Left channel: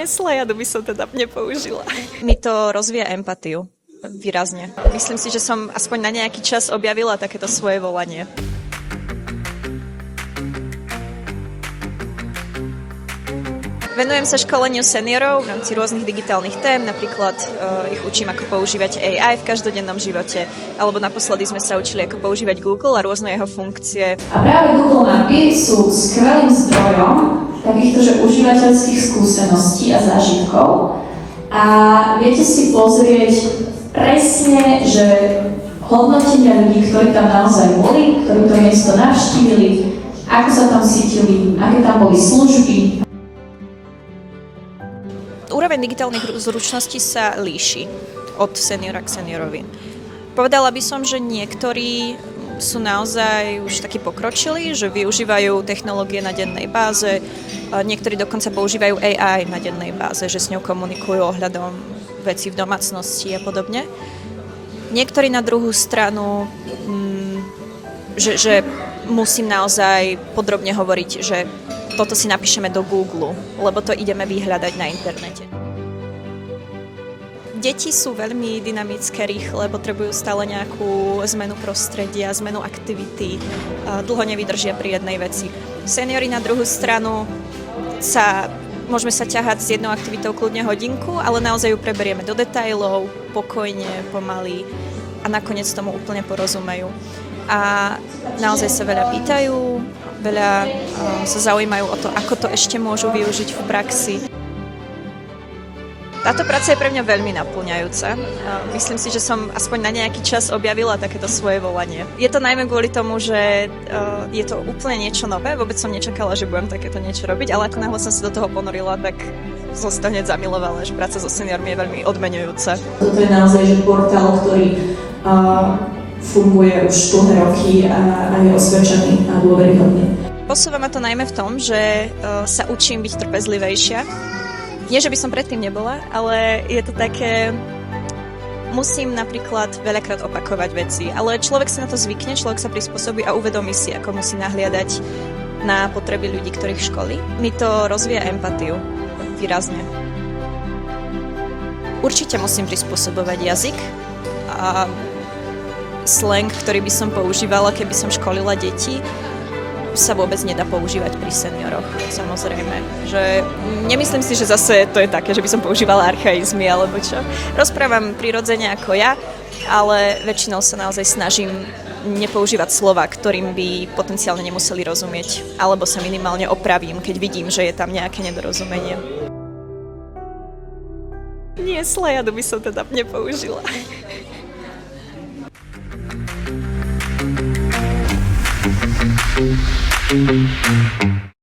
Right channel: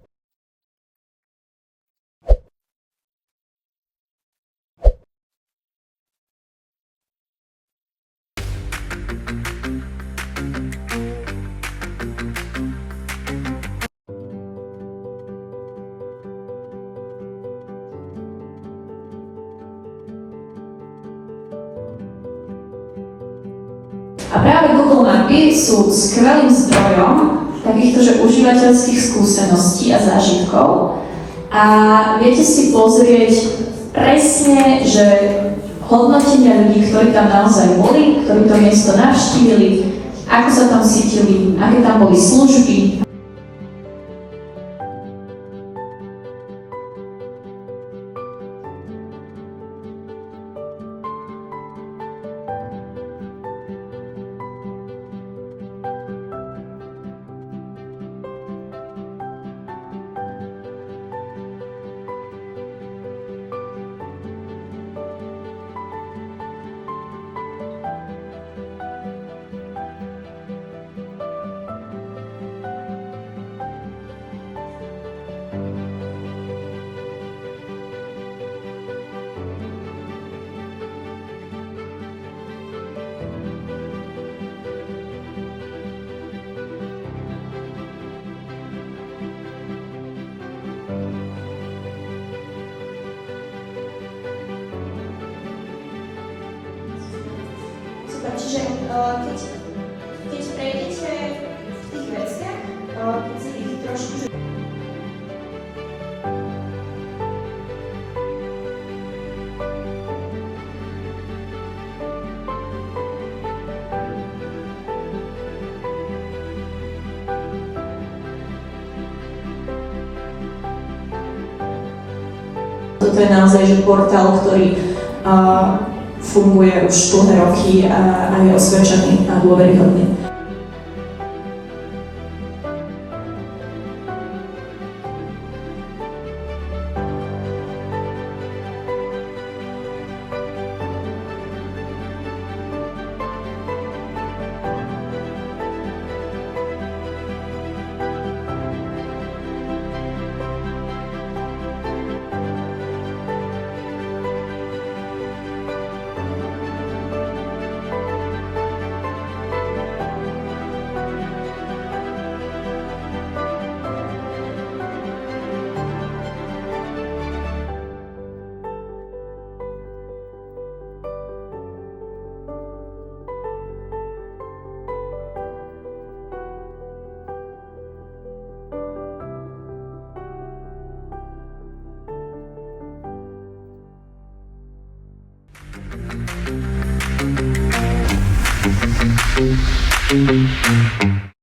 Nie, slajadu by som teda nepoužila. Mi to rozvíja empatiu. Výrazne. Myslím si, že som aspoň na nejaký čas objavila takéto svoje volanie. Venujem sa školeniu seniorov v rámci rôznych digitálnych tém, napríklad ich učím, ako používať AI v každodennom živote, alebo naposledy sme sa učili, ako používať Google a rôzne jeho funkcie. A práve Google Mapy sú skvelým zdrojom takýchto že užívateľských skúseností a zážitkov a viete si pozrieť presne, že hodnotenia ľudí, ktorí tam naozaj boli, ktorí to miesto navštívili, ako sa tam cítili, aké tam boli služby. Úroveň digitálnych zručností sa líši od seniora k seniorovi. Povedala by som, že niektorí sú naozaj už takí pokročilí, že využívajú technológie na dennej báze, niektorí dokonca používajú AI na dennej báze, že s ňou komunikujú ohľadom vecí v domácnosti a podobne. Niektorí na druhú stranu, že musím naozaj podrobne hovoriť, že toto si napíšeme do Google, lebo to ideme vyhľadať na internete. Deti sú veľmi dynamické, rýchle, potrebujú stále nejakú zmenu prostredia, zmenu aktivity, dlho nevydržia pri jednej veci. Seniori na druhú stranu môžeme sa ťahať s jednou aktivitou kľudne hodinku, ale naozaj ju preberieme do detailov, pokojne, pomaly a nakoniec tomu úplne porozumejú. A naozaj sa veľa pýtajú, veľa sa zaujímajú o to, ako to ešte môžu využiť v praxi. Táto práca je pre mňa veľmi naplňajúca. Myslím si, že som aspoň na nejaký čas objavila takéto svoje volanie. Je to najmä kvôli tomu, že je to úplne niečo nové. Vôbec som nečakala, že budem takéto niečo robiť, ale ako náhle som sa do toho ponorila, tak som si to hneď zamilovala, že práca so seniormi je veľmi odmeňujúca. Toto je naozaj že portál, ktorý funguje už dlhé roky a je osvedčený a dôveryhodný. Posúva ma to najmä v tom, že sa učím byť trpezlivejšia. Nie, že by som predtým nebola, ale je to také... Musím napríklad veľakrát opakovať veci, ale človek si na to zvykne, človek sa prispôsobí a uvedomí si, ako musí nahliadať na potreby ľudí, ktorých školí. Mi to rozvíja empatiu. Výrazne. Určite musím prispôsobovať jazyk a slang, ktorý by som používala, keby som školila deti, sa vôbec nedá používať pri senioroch, samozrejme. Že nemyslím si, že zase to je také, že by som používala archaizmy alebo čo. Rozprávam prirodzene ako ja, ale väčšinou sa naozaj snažím nepoužívať slova, ktorým by potenciálne nemuseli rozumieť, alebo sa minimálne opravím, keď vidím, že je tam nejaké nedorozumenie. Nie, slajadu by som teda nepoužila. Thank you.